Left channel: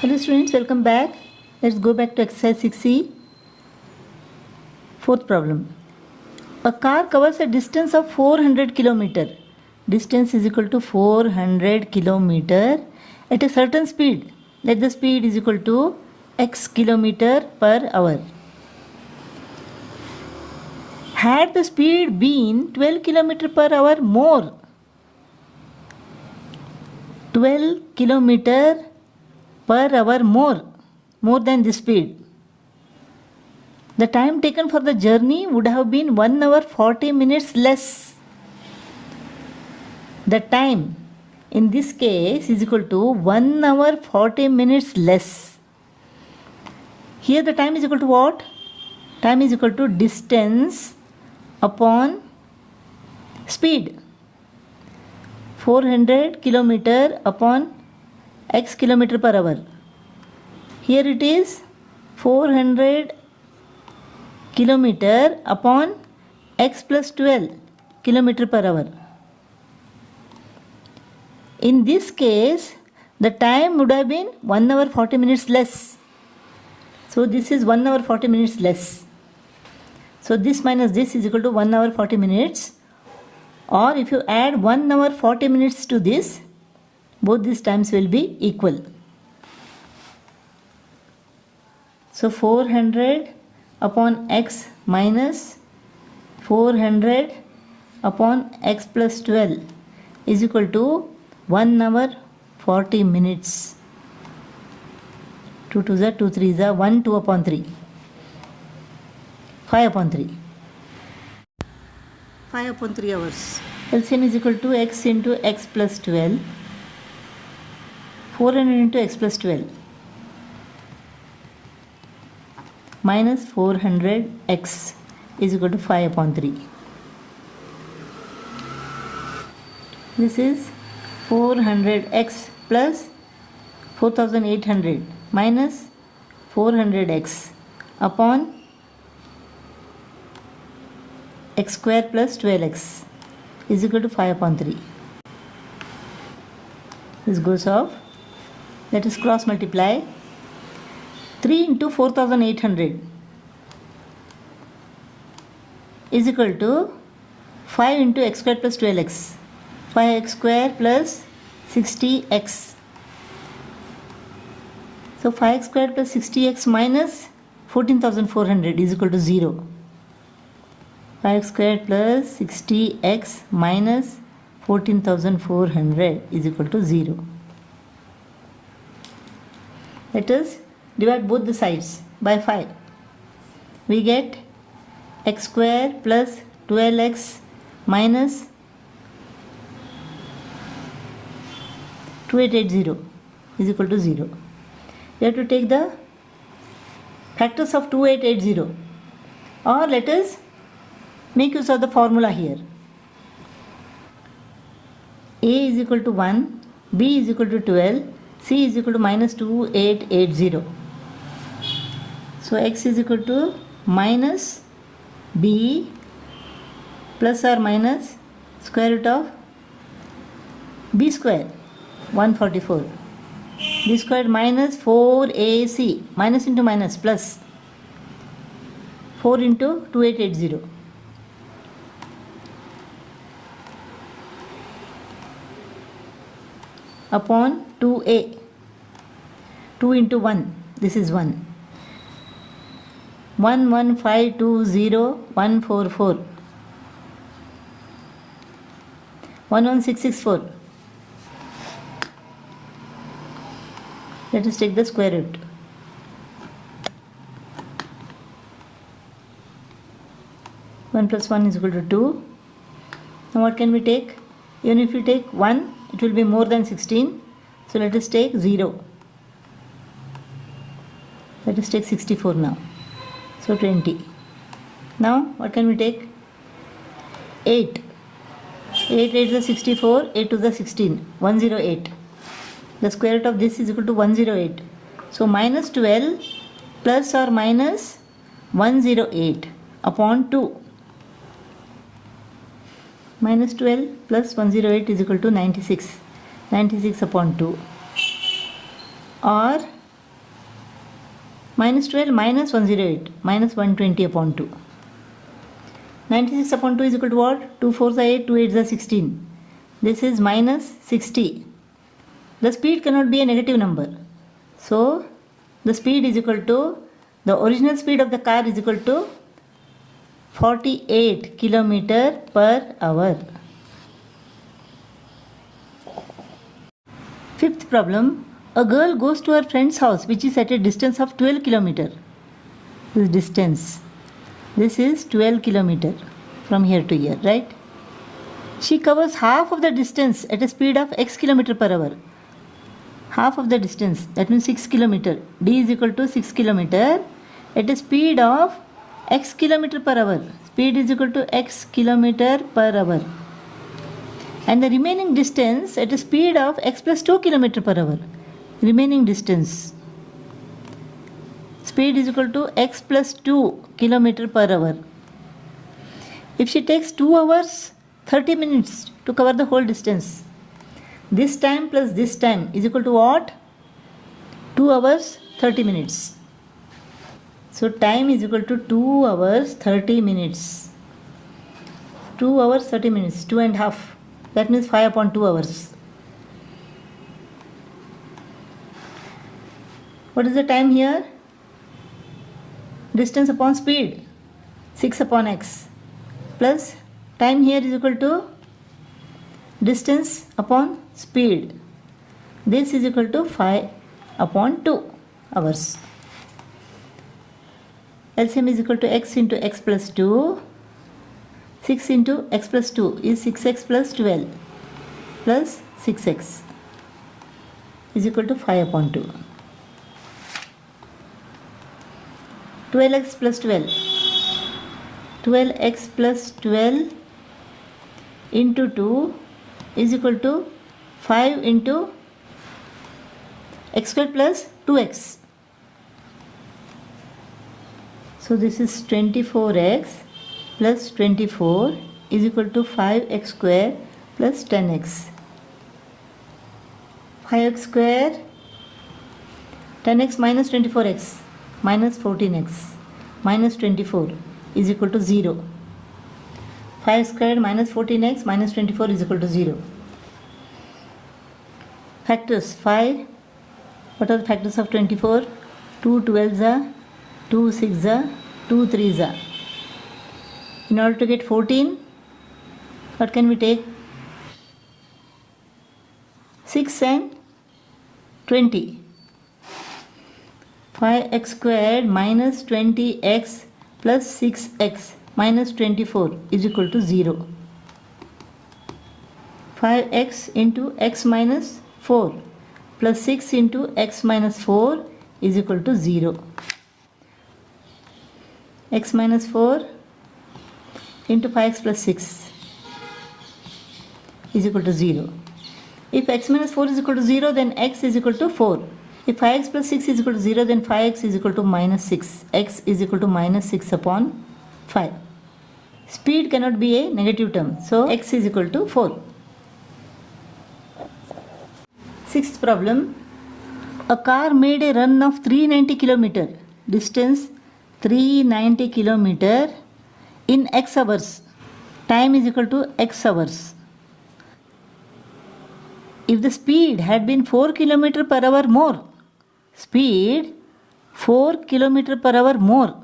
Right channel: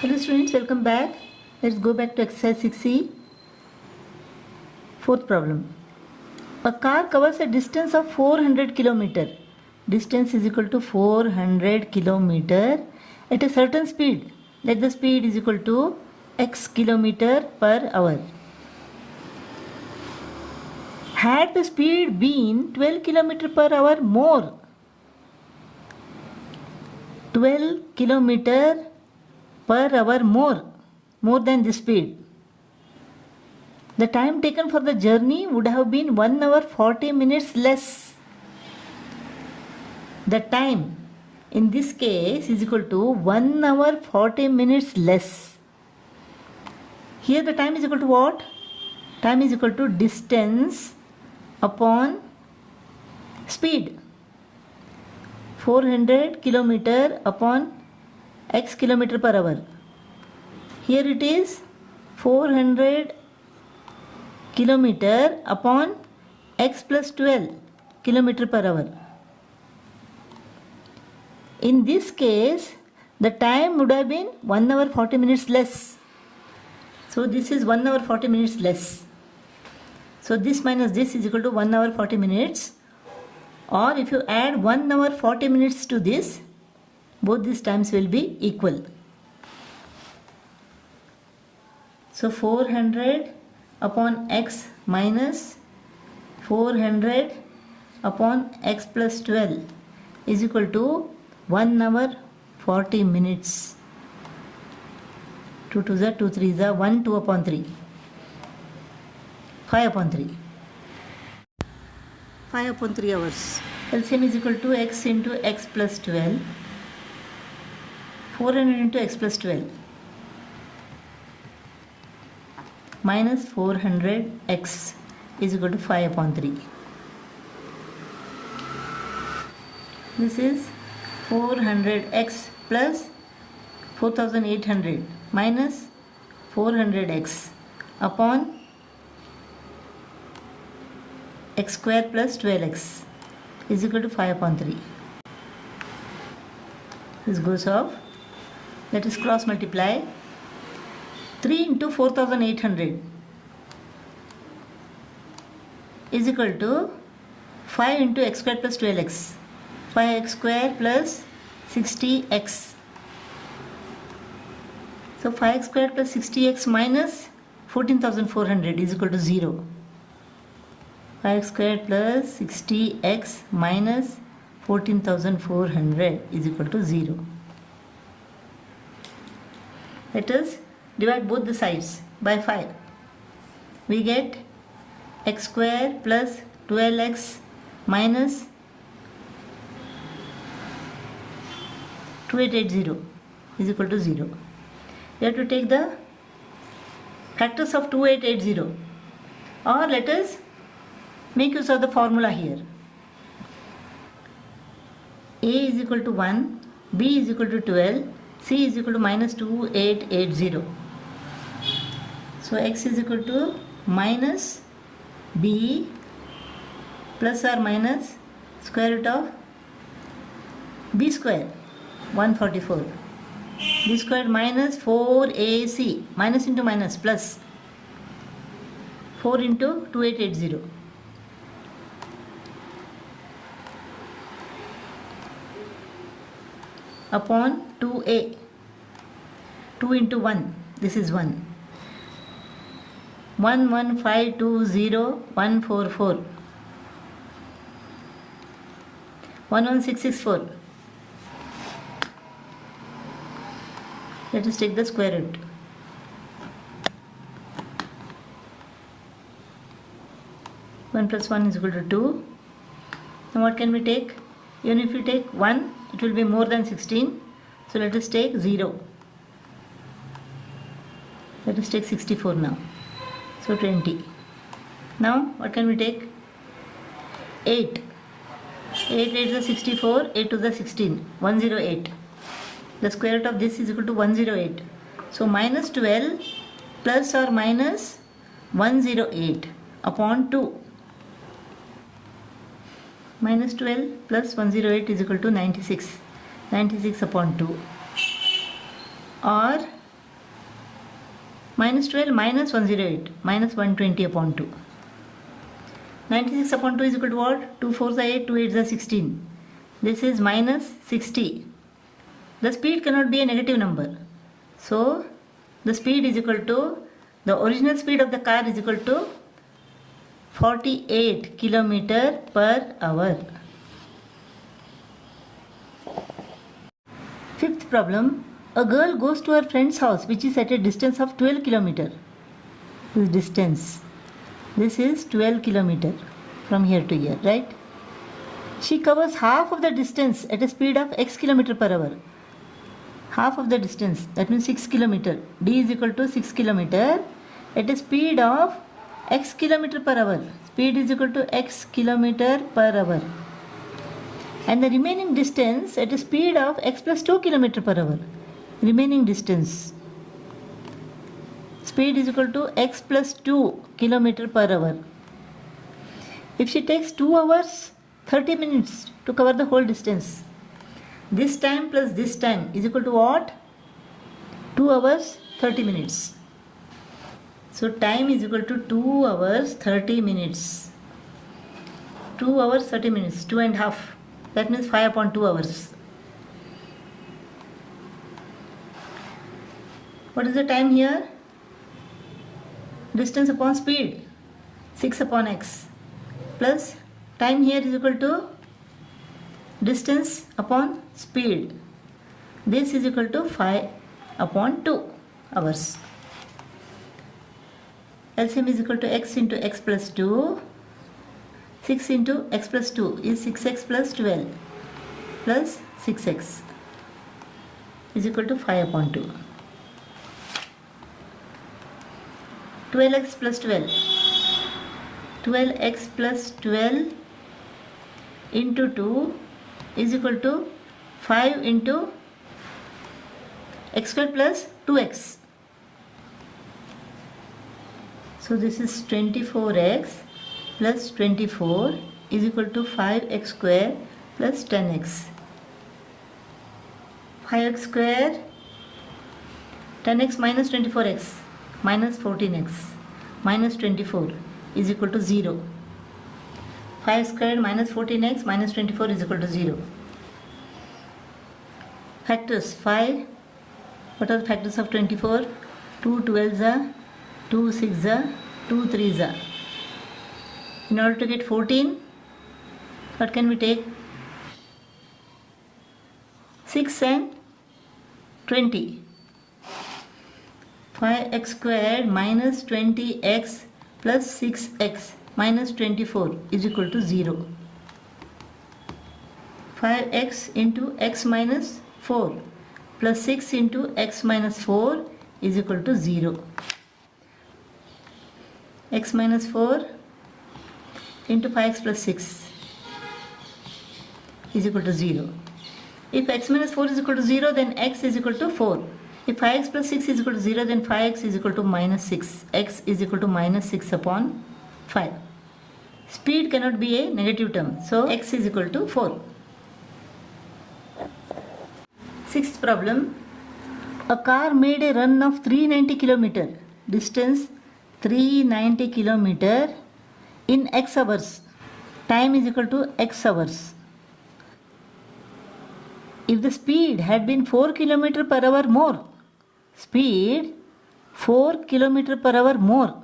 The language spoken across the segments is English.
Hello students, welcome back. Let's go back to exercise 6C. Fourth problem. A car covers a distance of 400 km. Distance is equal to 400 km at a certain speed. Let the speed is equal to x km per hour. Had the speed been 12 km per hour more, 12 km per hour more than this speed, the time taken for the journey would have been 1 hour 40 minutes less. The time in this case is equal to 1 hour 40 minutes less. Here the time is equal to what? Time is equal to distance upon speed. 400 km upon x km per hour. Here it is 400 km upon x plus 12 km per hour. In this case, the time would have been 1 hour 40 minutes less. So this is 1 hour 40 minutes less. So this minus this is equal to 1 hour 40 minutes. Or if you add 1 hour 40 minutes to this, both these times will be equal. So 400 upon x minus 400 upon x plus 12 is equal to 1 hour 40 minutes. 2 2s are 2 3s are 1 2 upon 3. 5 upon 3. 5 upon 3 hours. LCM is equal to x into x plus 12. 400 into x plus 12 minus 400x is equal to 5 upon 3. This is 400x plus 4800 minus 400x upon x square plus 12x is equal to 5 upon 3. This goes off. Let us cross multiply. 3 into 4800 is equal to 5 into x square plus 12x. 5x square plus 60x. So 5x square plus 60x minus 14,400 is equal to 0. 5x square plus 60x minus 14,400 is equal to 0. Let us divide both the sides by 5. We get x square plus 12x minus 2880 is equal to 0. We have to take the factors of 2880, or let us make use of the formula here. A is equal to 1, B is equal to 12, C is equal to minus 2880. So x is equal to minus B plus or minus square root of B square 144. B square minus 4AC, minus into minus plus 4 into 2880. Upon 2a, 2 into 1, this is 1. 11520,144. 11664. Let us take the square root. One plus 1 is equal to 2. Now what can we take? Even if we take 1, it will be more than 16. So let us take 0. Let us take 64 now. So 20. Now what can we take? 8. 8 8 is 64, 8 to the 16, 108. The square root of this is equal to 108. So minus 12 plus or minus 108 upon 2. Minus 12 plus 108 is equal to 96. 96 upon 2. Or Minus 12 minus 108 minus 120 upon 2. 96 upon 2 is equal to what? 2 4s are 8, 2 8s are 16. This is minus 60. The speed cannot be a negative number. So, the speed is equal to, the original speed of the car is equal to 48 km per hour. Fifth problem. A girl goes to her friend's house which is at a distance of 12 km. This distance. This is 12 km from here to here, right? She covers half of the distance at a speed of x km per hour. Half of the distance, that means 6 km. D is equal to 6 km at a speed of x km per hour. Speed is equal to x km per hour. And the remaining distance at a speed of x plus 2 km per hour. Remaining distance. Speed is equal to x plus 2 km per hour. If she takes 2 hours 30 minutes to cover the whole distance, this time plus this time is equal to what? 2 hours 30 minutes. So time is equal to 2 hours 30 minutes. 2 hours 30 minutes, 2 and a half. That means 5 upon 2 hours. What is the time here? Distance upon speed, 6 upon x, plus time here is equal to distance upon speed. This is equal to 5 upon 2 hours. LCM is equal to x into x plus 2. 6 into x plus 2 is 6x plus 12 plus 6x is equal to 5 upon 2. 12x plus 12. 12x plus 12 into 2 is equal to 5 into x square plus 2x. So this is 24x plus 24 is equal to 5x square plus 10x. 5x square, 10x minus 24x minus 14x minus 24 is equal to 0. 5 squared minus 14x minus 24 is equal to 0. Factors 5. What are the factors of 24? 2 12s are, 2 6s are, 2 3s are. In order to get 14, what can we take? 6 and 20. 5x squared minus 20x plus 6x minus 24 is equal to 0. 5x into x minus 4 plus 6 into x minus 4 is equal to 0. X minus 4 into 5x plus 6 is equal to 0. If x minus 4 is equal to 0, then x is equal to 4. If 5x plus 6 is equal to 0, then 5x is equal to minus 6. X is equal to minus 6 upon 5. Speed cannot be a negative term, so x is equal to 4. Sixth problem. A car made a run of 390 km. Distance 390 km in x hours. Time is equal to x hours. If the speed had been 4 km per hour more, speed 4 km per hour more.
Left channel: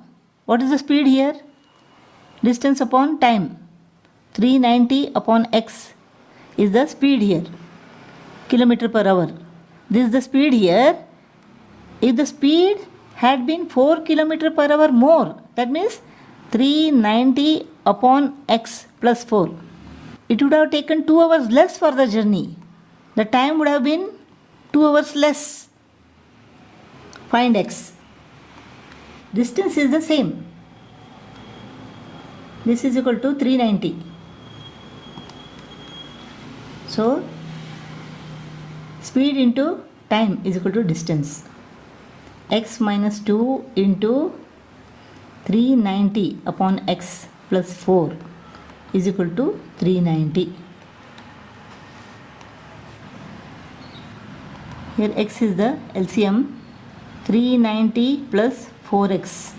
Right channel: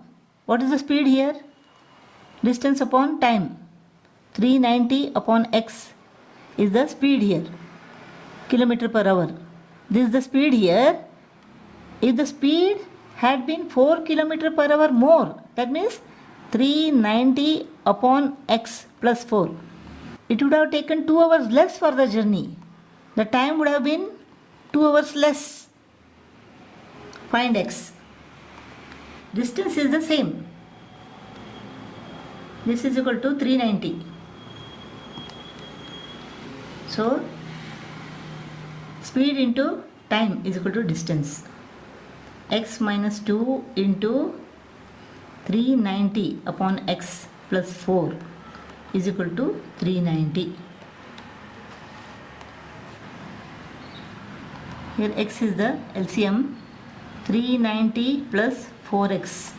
What is the speed here? Distance upon time. 390 upon x is the speed here. Kilometer per hour. This is the speed here. If the speed had been 4 km per hour more, that means 390 upon x plus 4. It would have taken 2 hours less for the journey. The time would have been 2 hours less. Find x. Distance is the same. This is equal to 390. So, speed into time is equal to distance. X minus 2 into 390 upon x plus 4 is equal to 390. Here x is the LCM. 390 plus 4x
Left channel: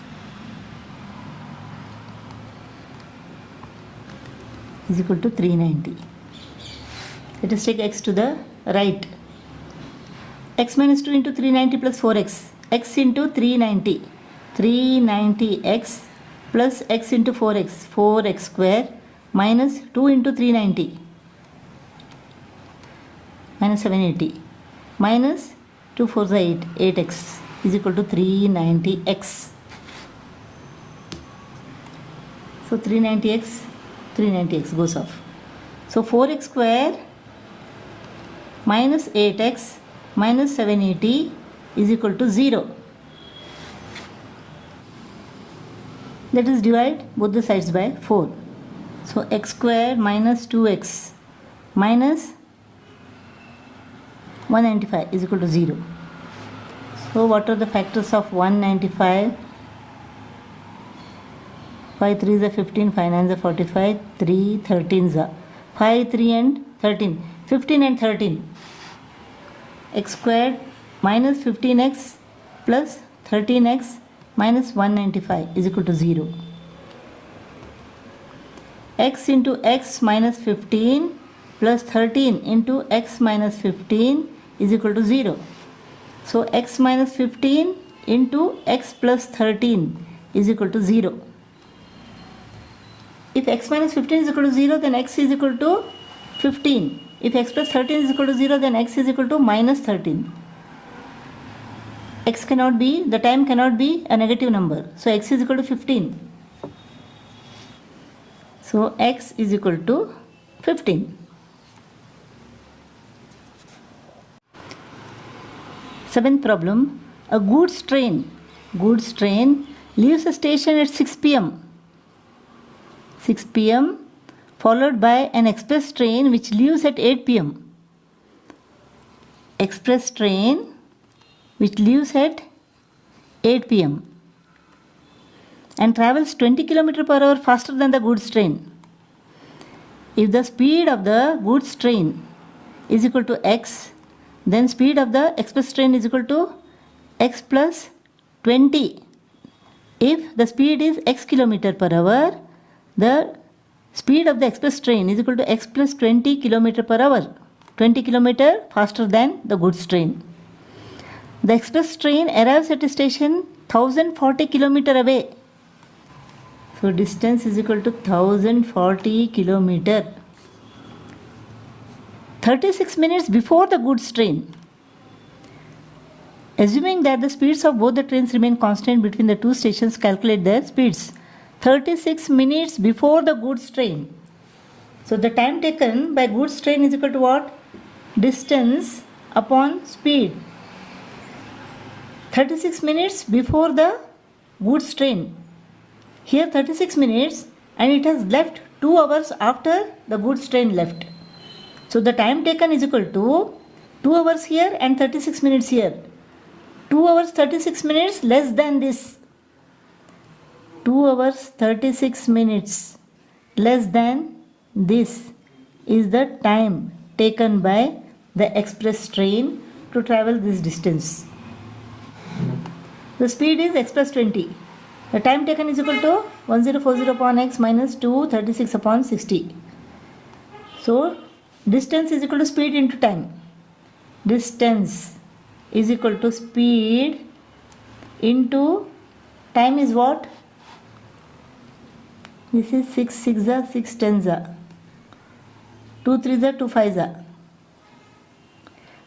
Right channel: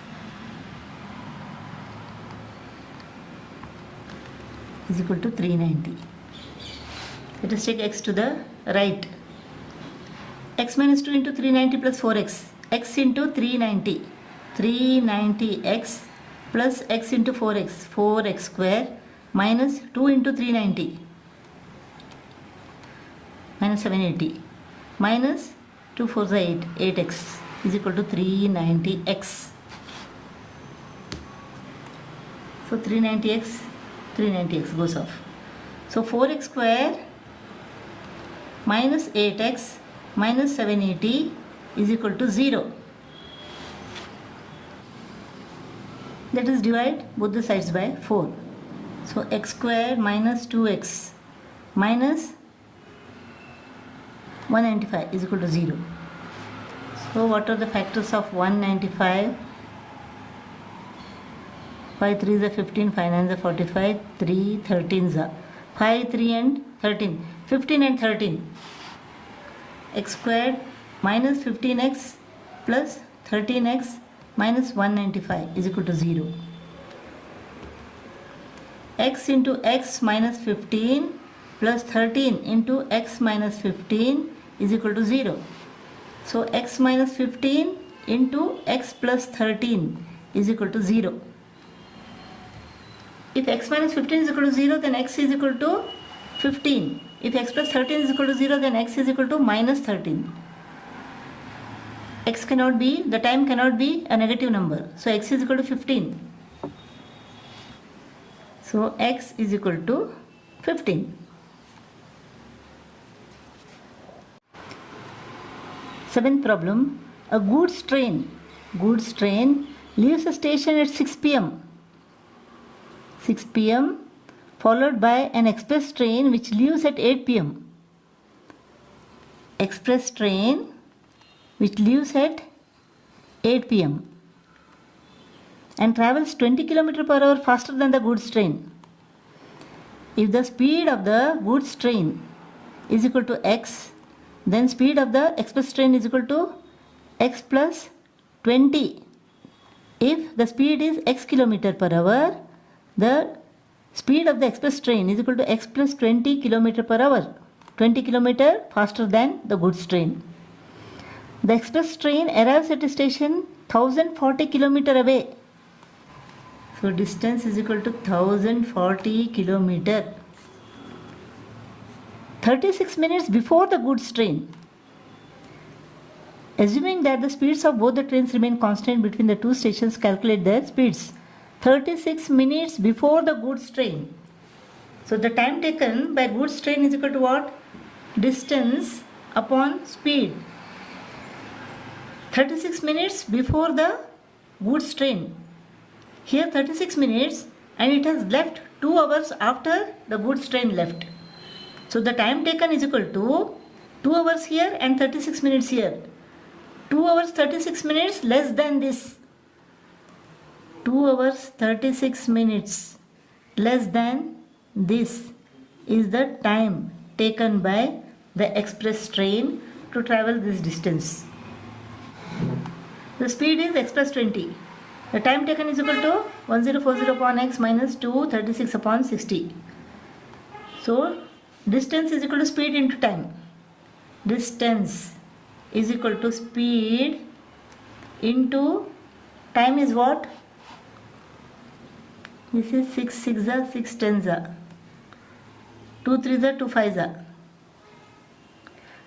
is equal to 390. Let us take x to the right. X minus 2 into 390 plus 4x. X into 390. 390x plus x into 4x. 4x square minus 2 into 390. Minus 780. Minus 2 4 8. 8x is equal to 390x. So 390x goes off. So 4x square minus 8x minus 780 is equal to 0. Let us divide both the sides by 4. So x square minus 2x minus 195 is equal to 0. So what are the factors of 195? 5 3s are 15, 5 9s are 45, 3 13s are 5, 3 and 13. 15 and 13. X squared minus 15x plus 13x minus 195 is equal to 0. X into x minus 15 plus 13 into x minus 15 is equal to 0. So x minus 15 into x plus 13 is equal to 0. If x minus 15 is equal to 0, then x is equal to 15. If x plus 13 is equal to 0, then x is equal to minus 13. X cannot be, the time cannot be a negative number. So x is equal to 15. So x is equal to 15. Seventh problem. A goods train leaves the station at 6 p.m. 6 p.m. followed by an express train which leaves at 8 p.m. Express train which leaves at 8 p.m. and travels 20 km per hour faster than the goods train. If the speed of the goods train is equal to x, then speed of the express train is equal to x plus 20. If the speed is x km per hour, the speed of the express train is equal to x plus 20 km per hour. 20 km faster than the goods train. The express train arrives at a station 1040 km away. So distance is equal to 1040 km. 36 minutes before the goods train. Assuming that the speeds of both the trains remain constant between the two stations, calculate their speeds. 36 minutes before the goods train. So the time taken by goods train is equal to what? Distance upon speed. 36 minutes before the goods train. Here 36 minutes and it has left 2 hours after the goods train left. So the time taken is equal to 2 hours here and 36 minutes here. 2 hours 36 minutes less than this. 2 hours 36 minutes less than this is the time taken by the express train to travel this distance. The speed is x plus 20. The time taken is equal to 1040 upon x minus 236 upon 60. So distance is equal to speed into time. Distance is equal to speed into time is what? This is 6 6s, 6 10s, 2 3s, 2 5s,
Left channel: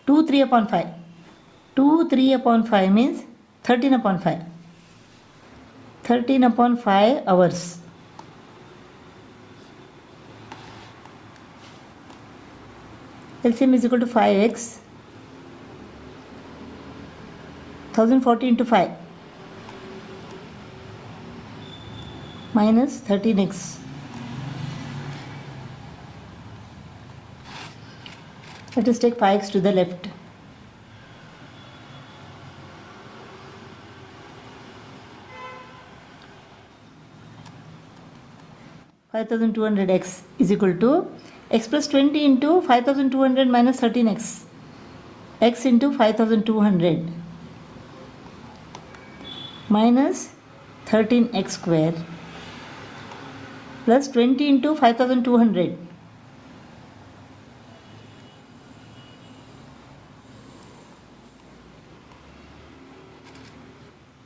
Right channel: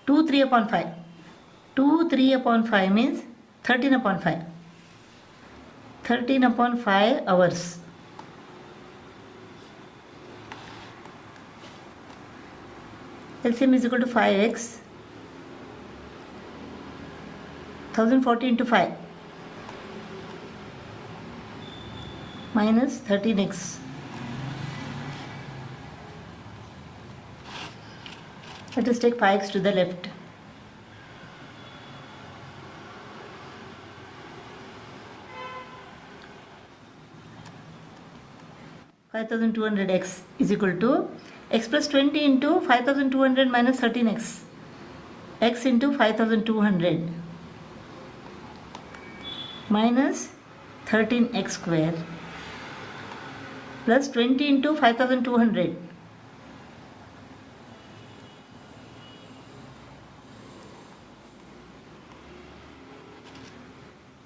2 3 upon 5. 2 3 upon 5 means 13 upon 5. 13 upon 5 hours. LCM is equal to 5x. 1040 into 5 minus 13x. Let us take 5x to the left. (5200x) is equal to x plus 20 into 5200 minus 13x. X into 5200. minus 13x square plus 20 into 5200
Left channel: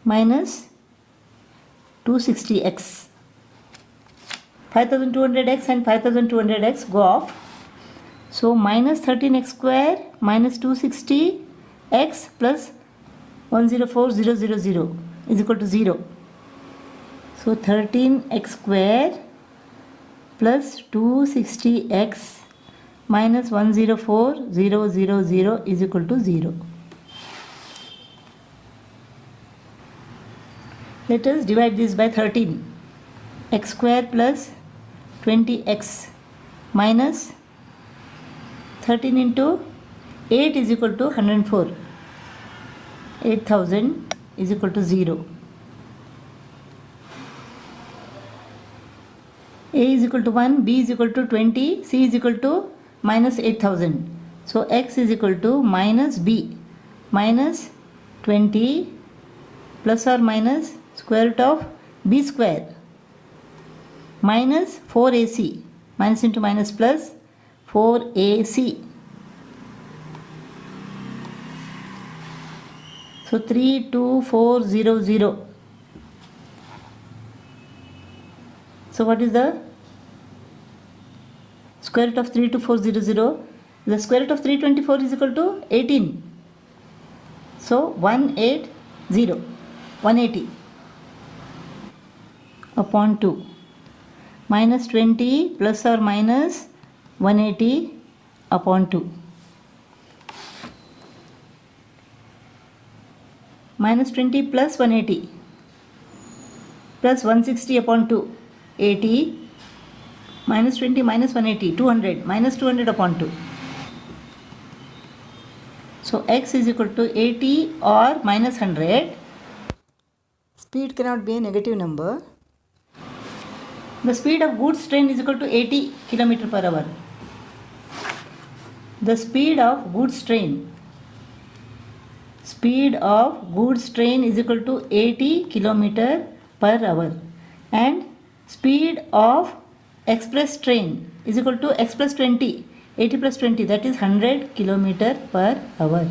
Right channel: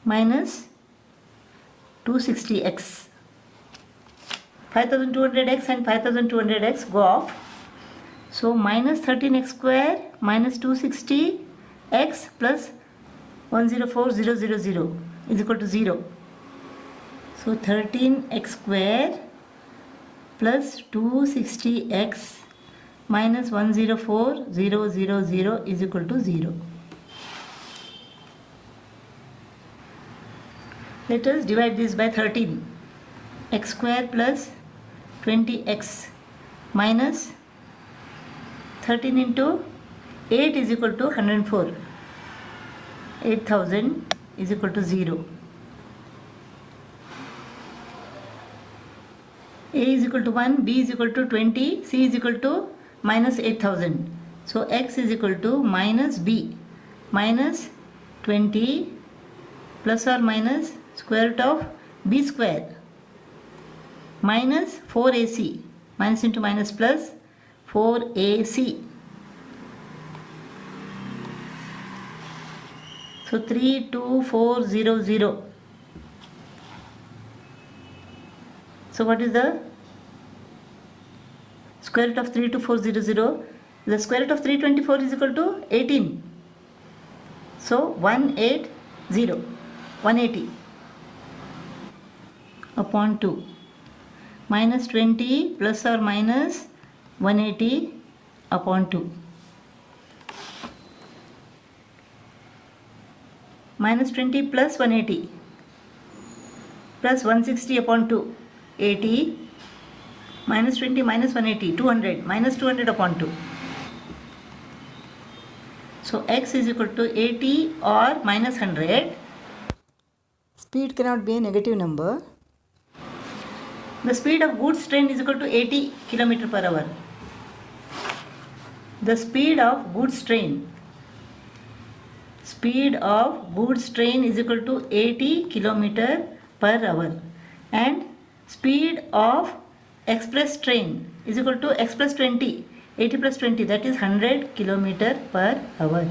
minus 260x. 5200x and 5200x go off. So minus 13x square minus 260x plus 104000 is equal to 0. So 13x square plus 260x minus 104000 is equal to 0. Let us divide this by 13. X square plus 20x minus 13 into 8 is equal to 104. 8000 is equal to 0. A is equal to 1, B is equal to 20, C is equal to minus 8000. So X is equal to minus B minus 20 plus or minus square root of B square minus 4AC, minus into minus plus 4AC. So 32400. So what is the square root of 32400? The square root of 324 is equal to 18. So 180 upon 2 minus 20 plus or minus 180 upon 2 minus 20 plus 180 plus 160 upon 2 80 minus 20 minus 180 200 minus 200 upon 2. So X is equal to 80 or minus 100. Speed cannot be a negative number. The speed of goods train is equal to 80 km per hour. The speed of goods train is equal to 80 km per hour, and speed of express train is equal to x plus 20, 80 plus 20, that is 100 km per hour.